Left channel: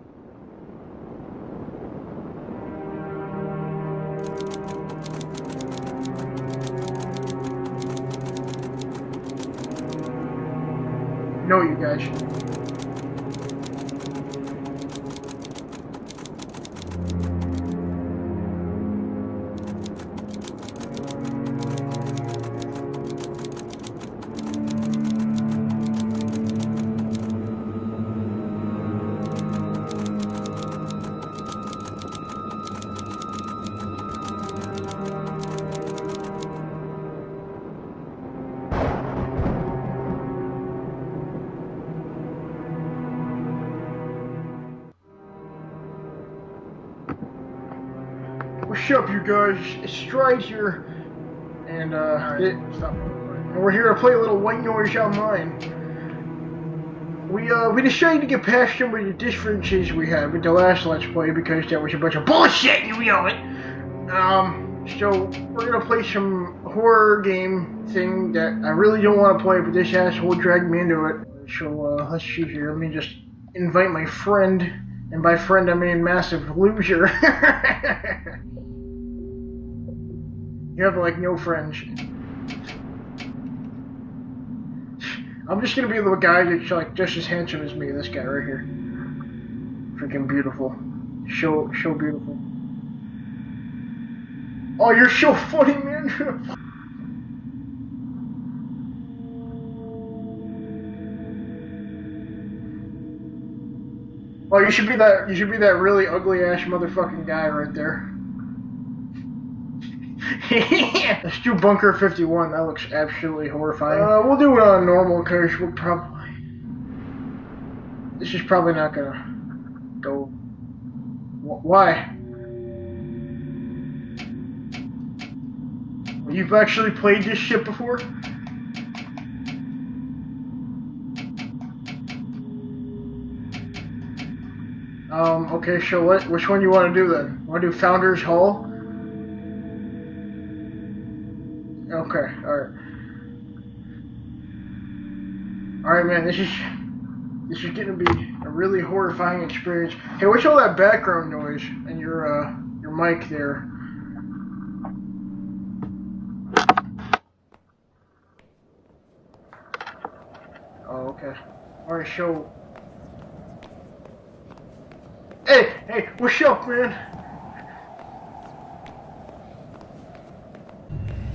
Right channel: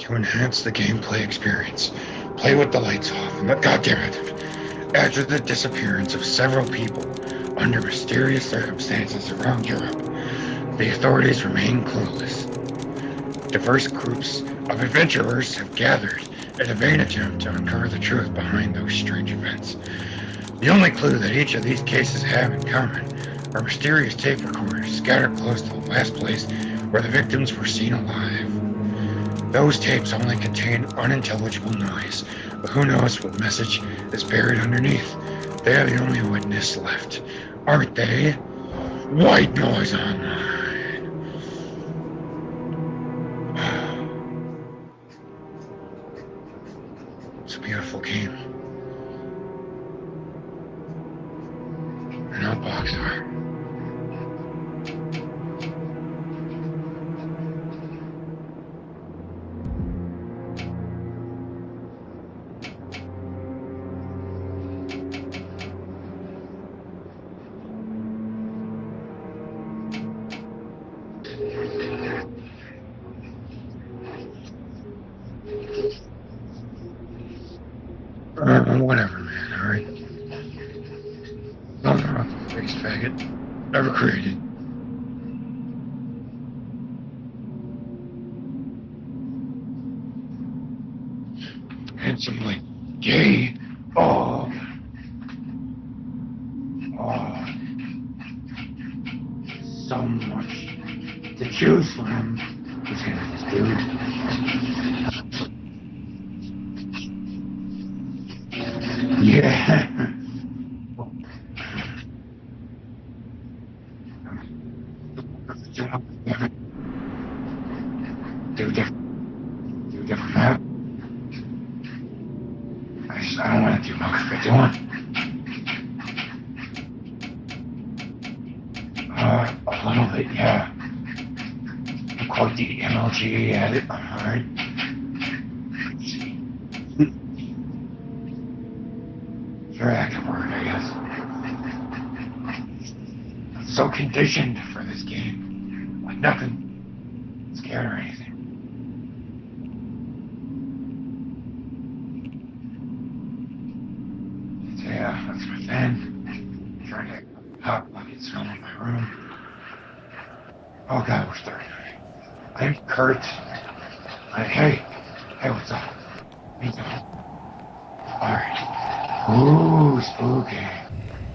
To enhance the gameplay experience, play with the lights off, and goddammit, after the disappearance of several people under mysterious circumstances around Europe, the authorities remain clueless. Diverse groups of adventurers have gathered in a vain attempt to uncover the truth behind those strange events. The only clue that each of these cases have in common are mysterious tape recorders scattered close to the last place where the victims were seen alive. Those tapes only contain unintelligible noise, but who knows what message is buried underneath. They are the only witness left, aren't they? White noise online. It's a beautiful game. What's up, you guys? It's Stride here, and we're here to play a little White Noise Online. We decided to get past some of the differences we had with the last Let's Play because there was a bunch of bullshit, you know it. So we're gonna play some horror game thing that I really don't want to play, but this asshole dragged me into it. So let's see here. Let me just invite my friend, and by friend I mean massive loser. Whatever, man. All right. You have like no friends. Nothing wrong. Biggest faggot ever created. I'm just gonna be the guy that's like just as handsome as me. This guy right here, freaking beautiful, so beautiful. Handsomely gay. Oh, you're so funny, man. oh, so much to choose from. Dude. Oh, you should be that really ugly ass motherfucking guy right there. Yeah. Let's do Bunker 51. That looks absolutely horrifying. We'll do it on normal because we'll probably. This is probably not gonna go. Why? I don't want to do Bunker 51. You've actually played this shit before? A little bit, yeah. Quite the MLG at it. Alright. Okay, so which one do you want to do then? You want to do Founders Hall? Very accurate word, I guess. Okay, alright. So conditioned for this game. Alright, man, this is gonna be a really horrifying experience. Hey, what's all that background noise and your mic there? Yeah, that's my fan. Trying to hot buckets filling my room. Oh god, we're starting. Alright, so... I'm Kurt. Hey, what's up, man? Alright. Ooh, spooky.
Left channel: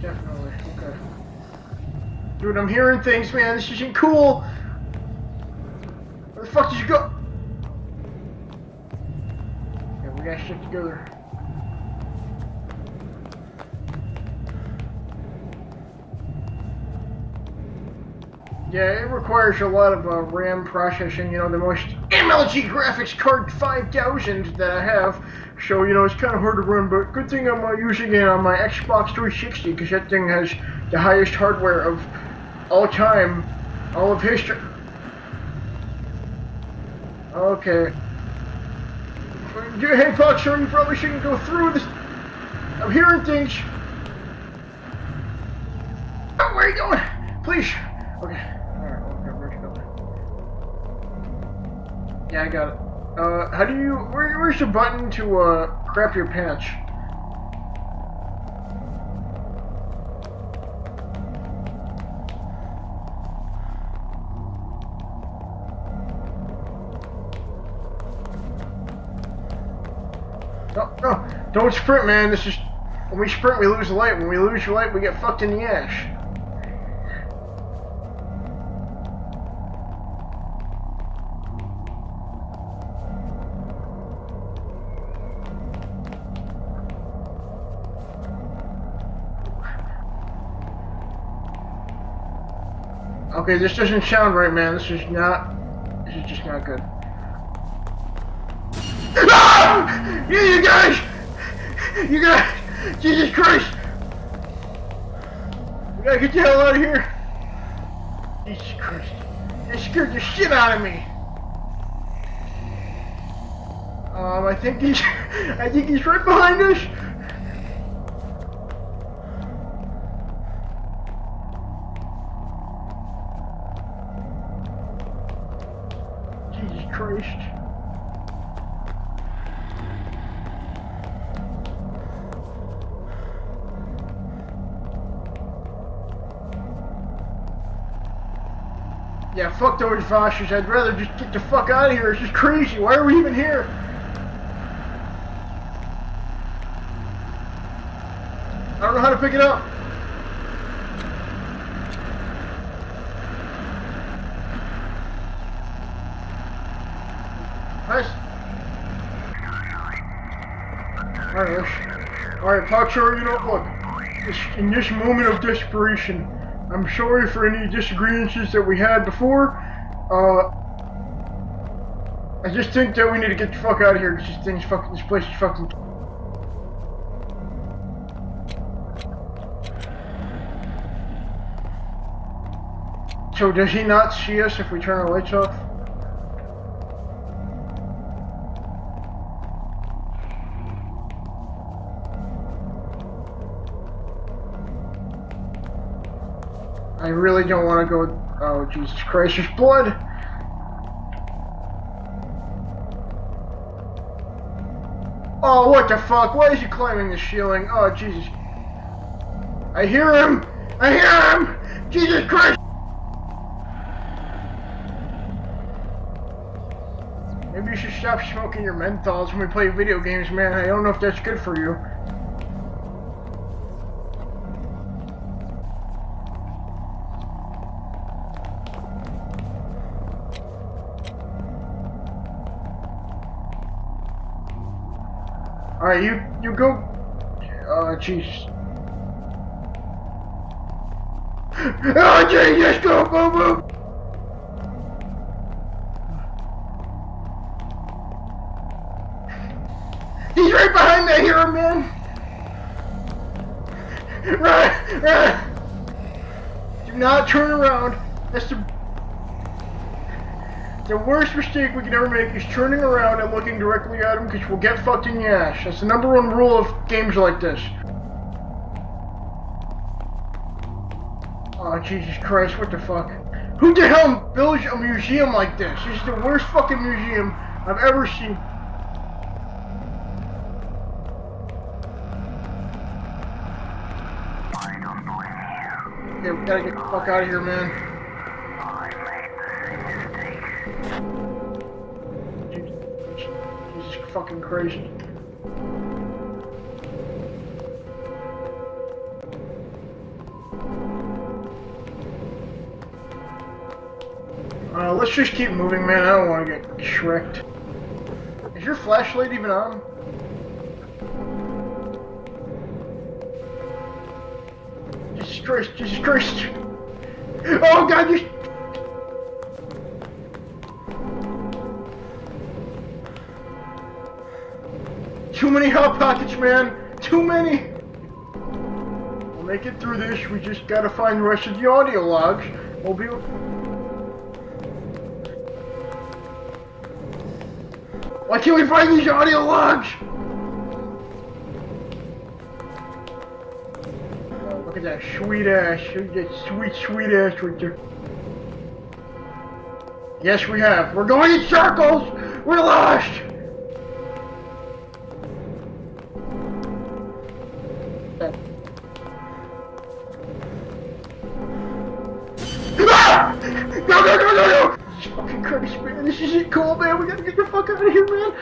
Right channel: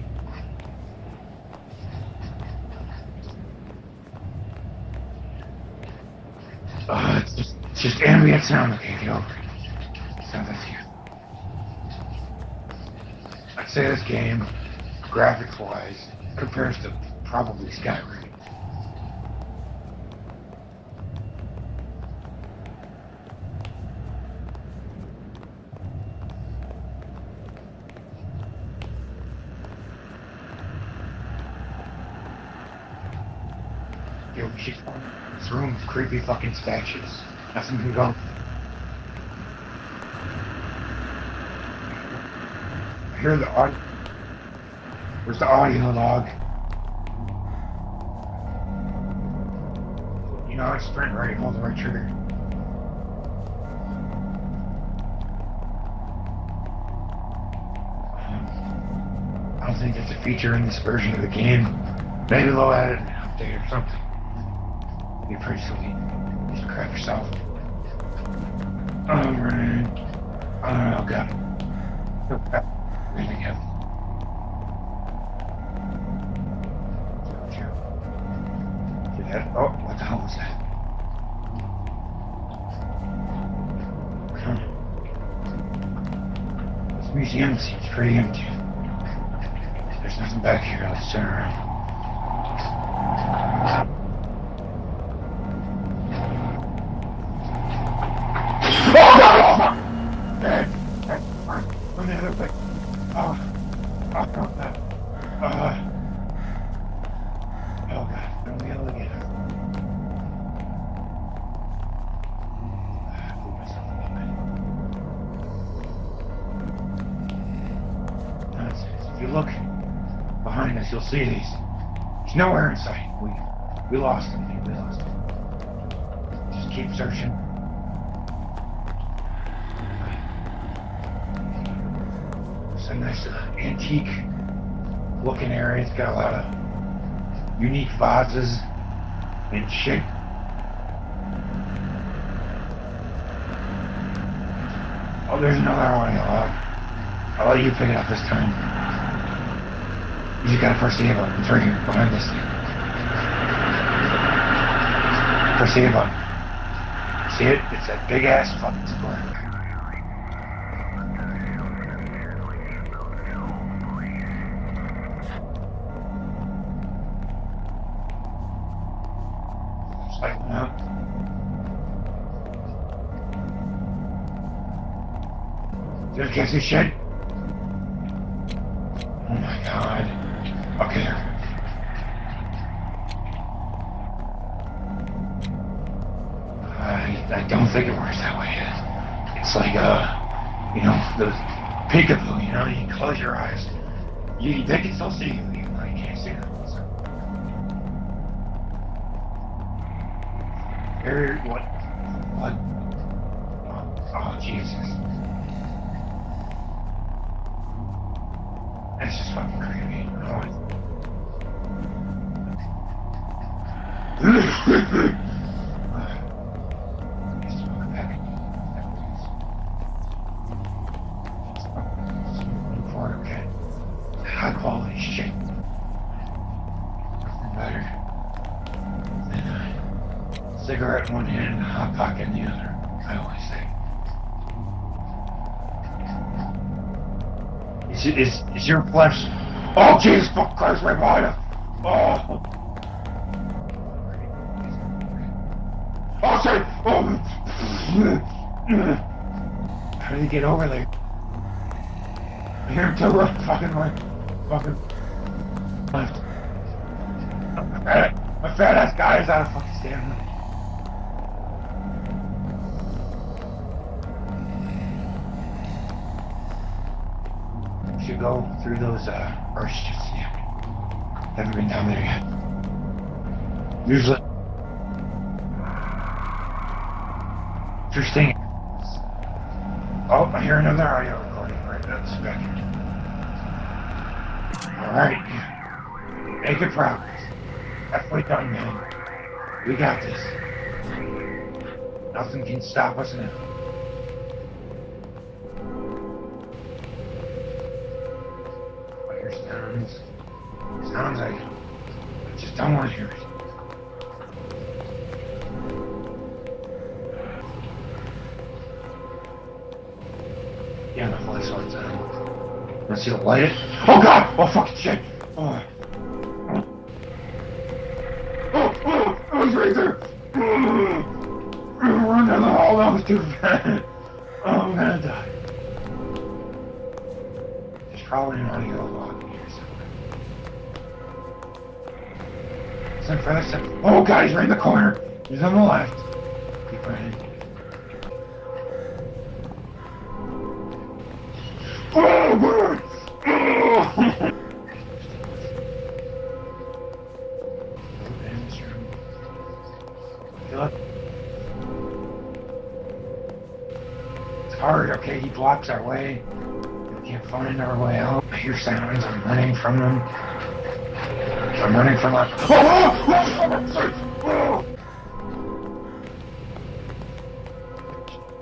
Definitely, okay. Dude, I'm hearing things, man. This isn't cool. Where the fuck did you go? It's just ambient sound, okay, yo. Okay, we gotta stick together. I'd say this game, graphics-wise, compares to probably Skyrim. Yeah, it requires a lot of RAM processing, you know, the most MLG graphics card 5000 that I have. So, you know, it's kind of hard to run, but good thing I'm using it on my Xbox 360 because that thing has the highest hardware of all time, all of history. This room with creepy fucking statues. Okay. Hey, Fox, you probably shouldn't go through this. I'm hearing things. Where's the audio log? Oh, where are you going? Please. Okay. You know, it's sprint right, hold the right trigger. Yeah, I got it. How do you... Where's the button to, crap your pants? I don't think it's a feature in this version of the game. Maybe they'll add it in an update or something. Be pretty sweet. Just crap yourself. Alright. No, don't sprint, man. This is... When we sprint, we lose the light. When we lose the light, we get fucked in the ass. Oh, what the hell was that? This museum seems pretty empty. There's nothing back here. Let's turn around. Okay, this doesn't sound right, man. This is just not good. Oh! You guys! Jesus Christ! We gotta get the hell out of here! Jesus Christ. They scared the shit out of me. I think he's right behind us. If you look behind us, you'll see these. There's nowhere in sight. We lost him. Just keep cruising. antique looking area. It's got a lot of unique vases. Yeah, fuck those vases. I'd rather just get the fuck out of here. It's just crazy. Why are we even here? Oh, there's another audio log. I'll let you pick it up this time. I don't know how to pick it up. You just gotta press the A button. It's right here, behind this. Press the A button. See it? It's a big ass fucking square. Alright, Potsher, you know what? In this moment of desperation, I'm sorry for any disagreements that we had before. I just think that we need to get the fuck out of here because this place is fucking. Just get this shit. Oh my god. Okay. So does he not see us if we turn our lights off? I don't think it works that way. It's like, you know, the peekaboo, you know, you close your eyes. They can still see you, you can't see them. I really don't want to go. Oh, Jesus Christ, there's blood! What? Oh, Jesus. Oh, what the fuck? Why is he climbing the ceiling? Oh, Jesus. That's just fucking crazy. I hear him! I hear him! Jesus Christ! Maybe you should stop smoking your menthols when we play video games, man. I don't know if that's good for you. Okay. High quality shit. Better. And, cigarette in one hand and a hot pocket in the other. I always say. Alright, you go. Is your flesh? Oh, Jesus, fuck Christ, right behind him. Oh, Jesus, go, move, move! Oh, shit! Oh. He's right behind me, I hear him, man! Hear him to the fucking right. Right! Do not turn around. That's the badass guy is out of fucking stand. The worst mistake we can ever make is turning around and looking directly at him because we'll get fucked in the ass. That's the #1 rule of games like this. You should go through those, Oh, Jesus Christ, what the fuck? Who the hell builds a museum like this? It's the worst fucking museum I've ever seen. Oh, I hear another audio recording right now. Alright. Yeah, we gotta get the fuck out of here, man. Definitely coming home. We got this. Nothing can stop us now. This is fucking crazy. I hear sounds like I just don't want to hear it. Let's just keep moving, man. I don't want to get shreked. Is your flashlight even on? Yeah, my flashlight's on. Let's see it light it. Oh god! Oh fucking shit! Jesus Christ! Jesus Christ! Oh god! You... Oh, he's right there! Run down the hall, that was too fast. Oh, I'm gonna die. Too many hot pockets, man! Too many! There's probably an audio log. To make it through this, we just gotta find the rest of the audio logs. We'll be... Oh god, he's right in the corner. He's on the left. Keep running. Why can't we find these audio logs? Oh, God. Look at that sweet ass. Look at that sweet ass right there. Yes, we have. We're going in circles! We're lost! It's hard, okay? He blocks our way. We can't find our way out. I hear sounds. I'm running from them. I'm running from us. Oh! No! Jesus fucking Christ, man. This isn't cool, man. We gotta get the fuck out of here, man.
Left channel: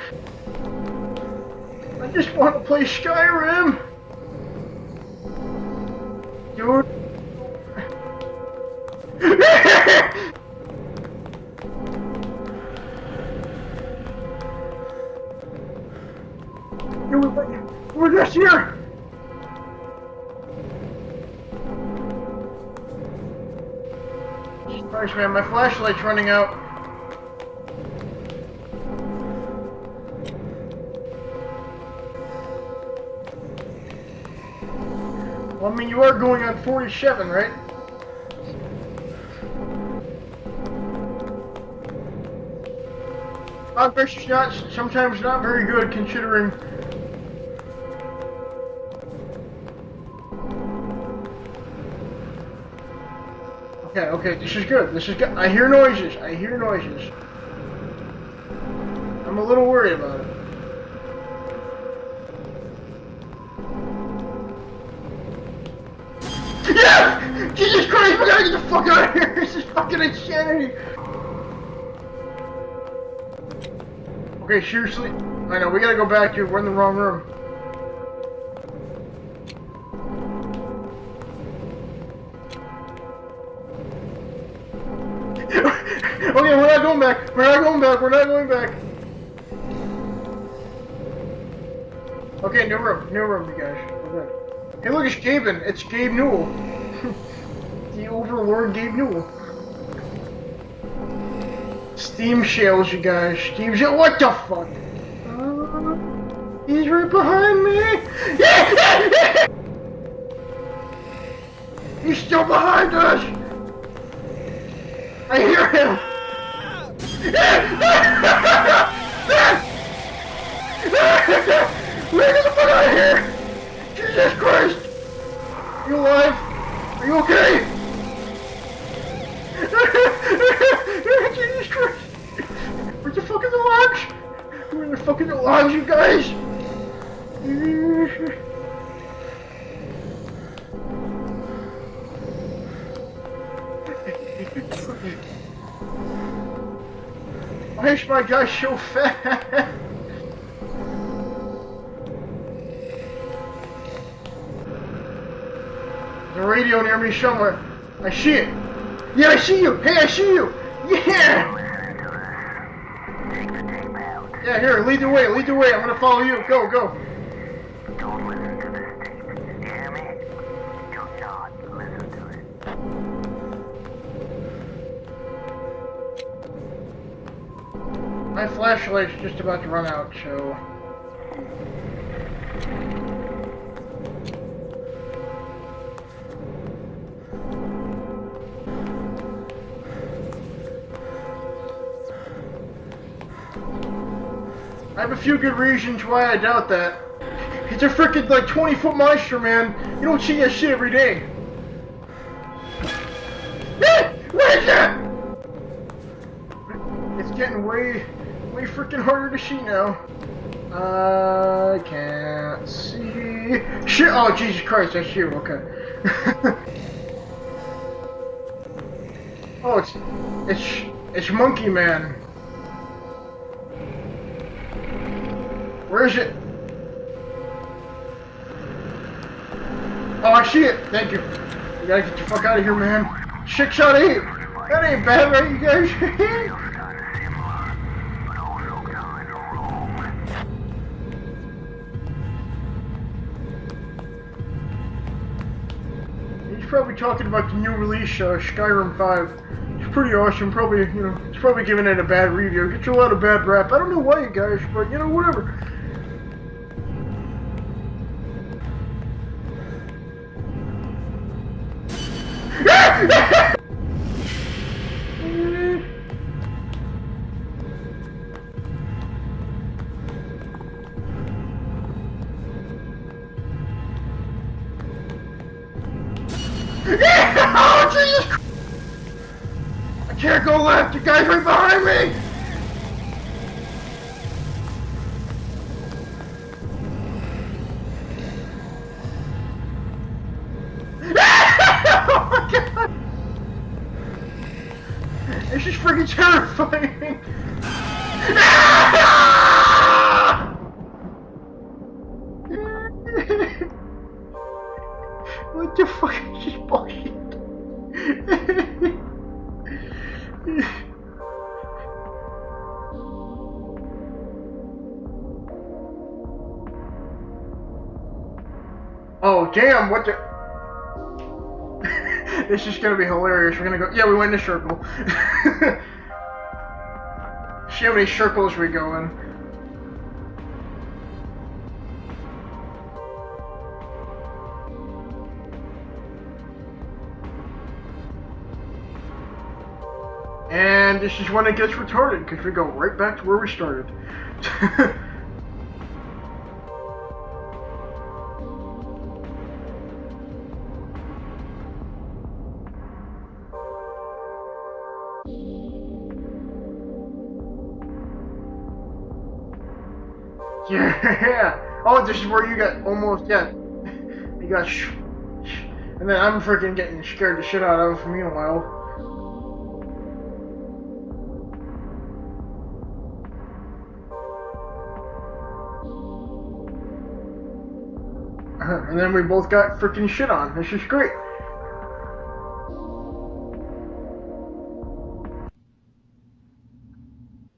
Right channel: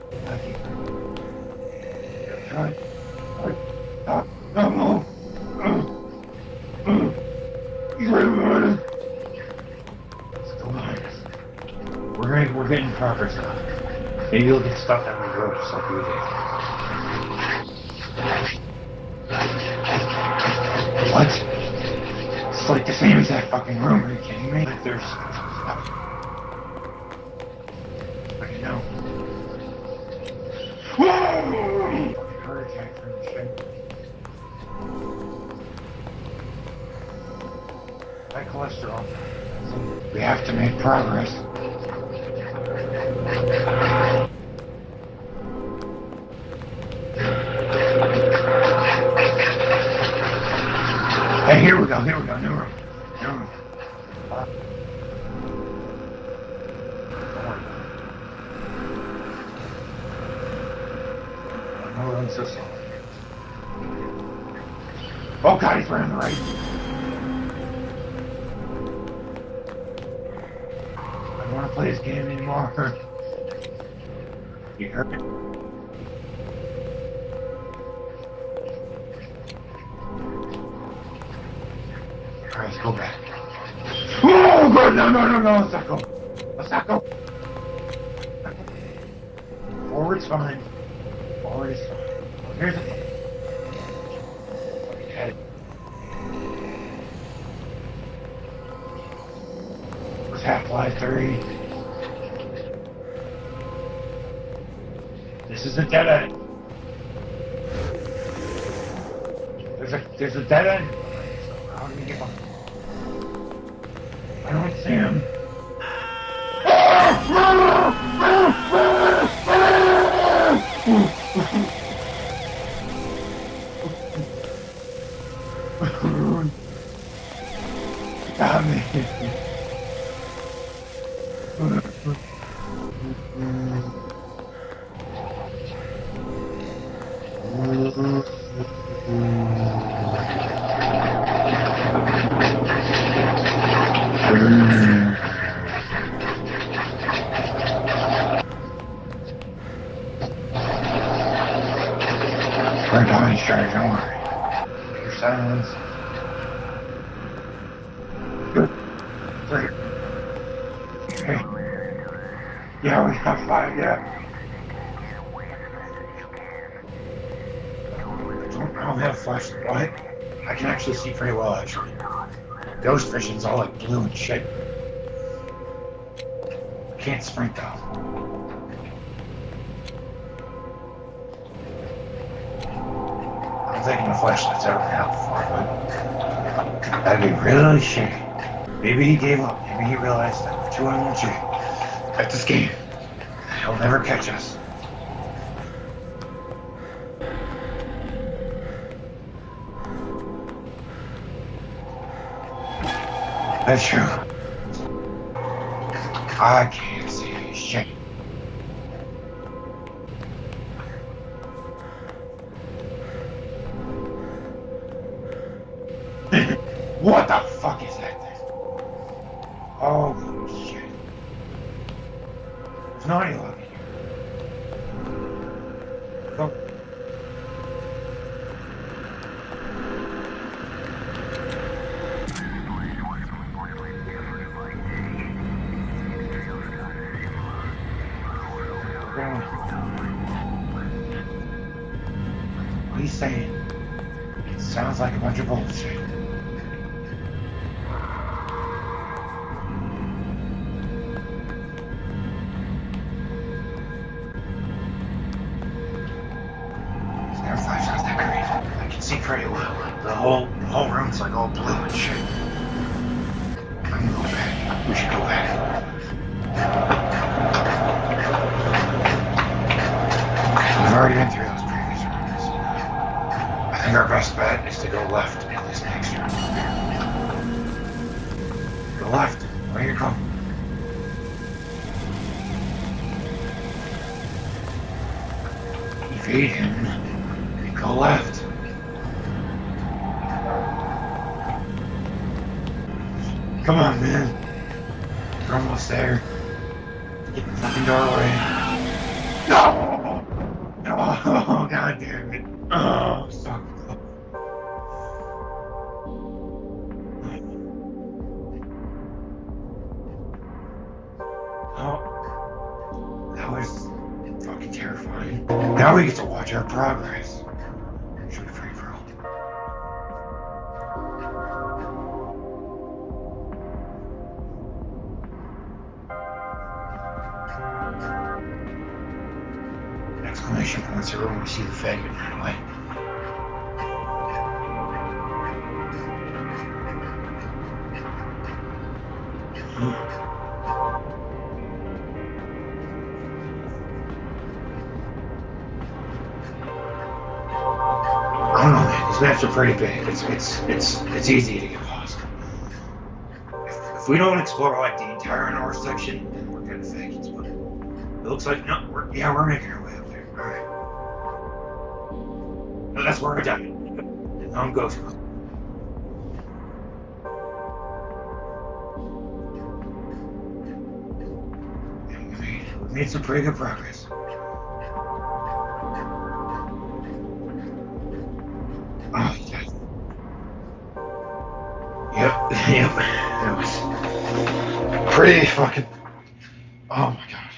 I just want to play Skyrim. No. You're... We're getting progress now. Maybe you'll get stuck on the road just like we did. We're just here! What? It's like the same exact fucking room. Are you kidding me? Christ, man, my flashlight's running out. I know. Well, I mean, you are going on 47, right? My cholesterol. We have to make progress. Progress is not, sometimes not very good, considering... Hey, here we go, no. Okay, this is good, I hear noises, I'm a little worried about it. Oh, I'm so sorry. Oh god, he's running away. Yeah! Jesus Christ, we gotta get the fuck out of here! This is fucking insanity! I don't want to play this game anymore. Okay, seriously. I know, we gotta go back to. We're in the wrong room. Alright, let's go back. Oh god, no. Okay, we're not going back. We're not going back. We're not going back. Forward's fine. Forward is fine. Okay, new room, you guys. Hey, look, it's Gaben. It's Gabe Newell. The overlord Gabe Newell. It's Half-Life 3. Steam shales, you guys. Steam shales. What the fuck? This is a dead end. He's right behind me. There's a dead end. He's still behind us. I don't see him. I hear him. Get the fuck out of here! Jesus Christ! Are you alive? Are you okay? Stop me. Jesus Christ! Where's the fucking logs? Where are the fucking logs, you guys? Makes my guy so fat. Right behind you, Shark, don't worry. Your silence. The radio near me somewhere. I see it. Yeah, I see you. Hey, I see you. Yeah. Yeah, we got five, yeah. Yeah, here, lead the way. Lead the way. I'm gonna follow you. Go, go. I don't have a flashlight, but I can actually see pretty well, actually. Ghost vision's all like blue and shit. Can't sprint though. My flashlight's just about to run out, so. I'm thinking the flashlight's ever been out before, but that'd be really shitty. Maybe he gave up. Maybe he realized that we're too unsure at this game. He'll never catch us. I have a few good reasons why I doubt that. It's a freaking like 20-foot monster, man. You don't see that shit every day. That's true. What is that? I can't It's see getting this way freaking harder to see now. I can't see. Shit! Oh Jesus Christ! That's you. Okay. shit. What the fuck is that thing? It's Monkey Man. It's Naughty Log. Where is it? Oh, I see it. Thank you. You gotta get the fuck out of here, man. 6 out of 8. That ain't bad, right, you guys? What he's saying, it sounds like a bunch of bullshit. He's probably talking about the new release, Skyrim 5. It's pretty awesome. Probably, he's probably giving it a bad review. It gets a lot of bad rap. I don't know why, you guys, but whatever. It's never flash out that great. I can see pretty well. Like the whole room's like all blue and shit. We should go back. We've already been through those previous rooms. I think our best bet is to go left in this next room. Oh, Jesus! Go left. Where are you going? Can't go left. You guys right behind me. Feed him. Go left. Oh my God! Come on, man. This is freaking terrifying. Oh, god damn it. Oh, fuck. What the fuck is this bullshit? Oh, that was fucking terrifying. Now we get to watch our progress. Should be free for all. Oh damn! What the? This is gonna be hilarious. We're gonna go. Yeah, we went in a circle. See how many circles we go in. Exclamation points are when we see the faggot run away. And this is when it gets retarded because we go right back to where we started. I don't know, man. These maps are pretty big. It's easy to get lost. If we don't explore like the entire north section, then we're gonna fake it. But it looks like no, we're making our way up there. All right. Yeah. Oh, this is where you got almost. That's where Yeah. we're done. You got. And then I'm freaking getting scared the shit out of meanwhile. We made some pretty good progress. And then we both got freaking shit on. This is great. Yep. It was pretty fucking. Oh my god.